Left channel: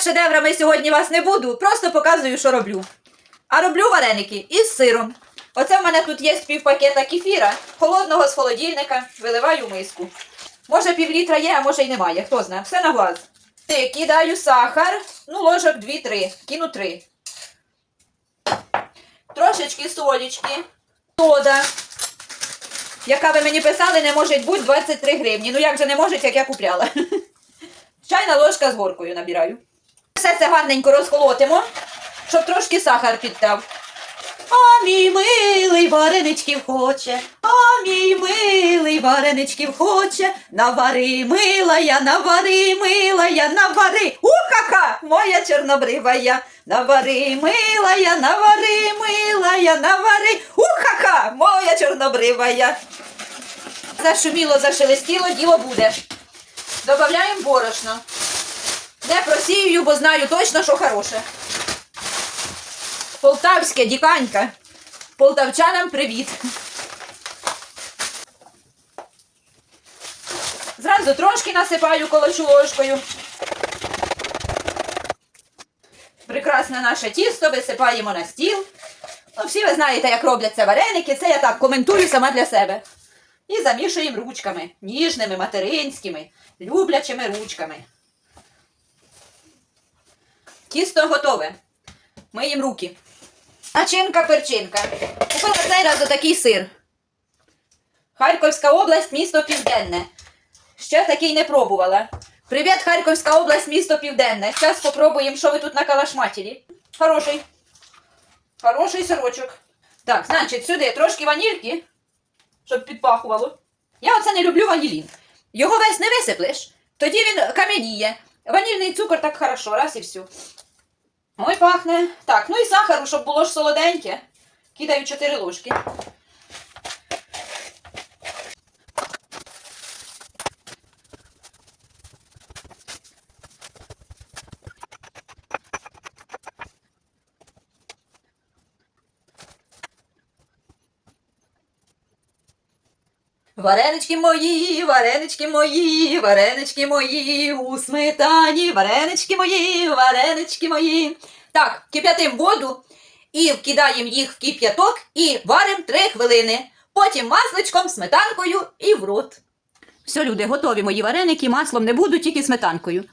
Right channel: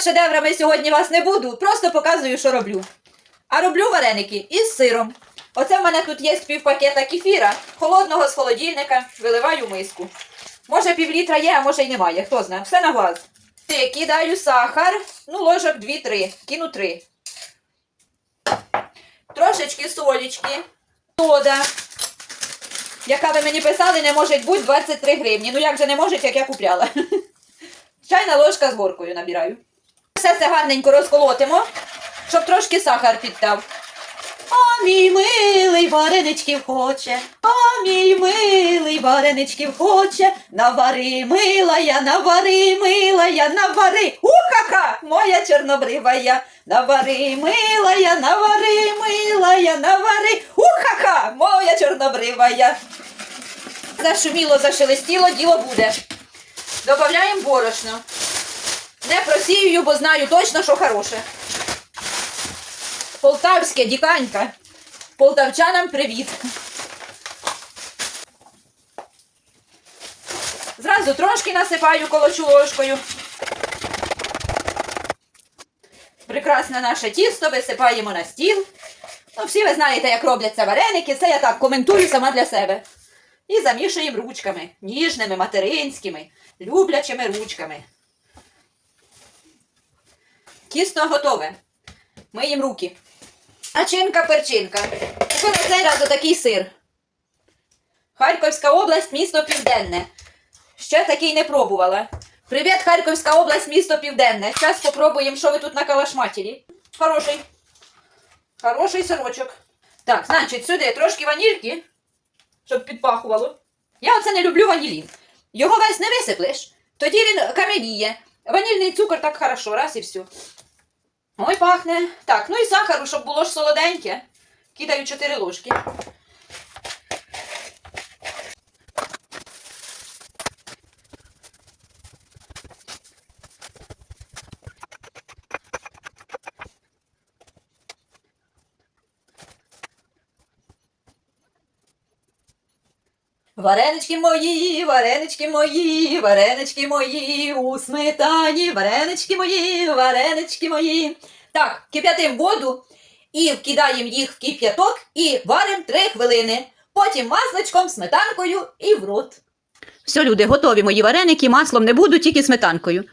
Шедеврами сьогодні вас не буду, просто показую, що роблю. А роблю вареники із сиром. Оце в мене тут є пів пакета кефіра, холодного з холодильника, виливаю миску. Може пів літра є, а може й немає, хто знає, все на глаз. Кидаю сахар, ну ложок 2-3, кину 3. Трошечки солічки, сода, яка ви мені писали, не може бути 23 гривні. Ну як же не може, як я купляла. Чайна ложка з горкою набираю. Все це гарненько розколотимо, щоб трошки сахар підтав. А мій милий вареничків хоче, а мій милий вареничків хоче, навари милая, навари милая, навари. Ухаха, моя чорнобривая, навари милая, навари милая, навари. Ухаха, моя чорнобривая. Зашуміло, зашелестіло, діло буде. Добавляємо борошно. Не просію, бо знаю точно, що хороше. Полтавське діканька. Полтавчанам привіт. Зразу трошки насипаю колочу ложкою. Прекрасне наше тісто висипаємо на стіл. Ну, всі ви знаєте, як робляться вареники. Це я так коментую сама для себе. І замішуємо ручками, ніжними, материнськими, люблячими ручками. Тісто готове. Миємо руки. Начинка перчинка. Купила цей раз отакий сир. Харківська область, місто Південне. Ще такий не пробувала. Привіт, Харківська область, місто Південне. Зараз спробуємо, що ви тут на калашматірі. Хороший. Хороший сирочок. Так, значить, сюди трошки ванільки, щоб підпахувало. Я оце не люблю ванілін. Його весь не висиплеш, тоді він кам'яніє. Ванільний цукор так хорошо, раз і все. Ой, пахне. Так, ну і сахару, щоб було ж солоденьке. Кидаю 4 ложки. Варенички мої, варенички мої, варенички мої, у сметані, варенички мої, варенички мої. Так, кип'ятим воду і вкидаємо їх в кип'яток і варимо 3 хвилини. Потім масличком, сметанкою і в рот. Все, люди, готові мої вареники, маслом не буду, тільки сметанкою.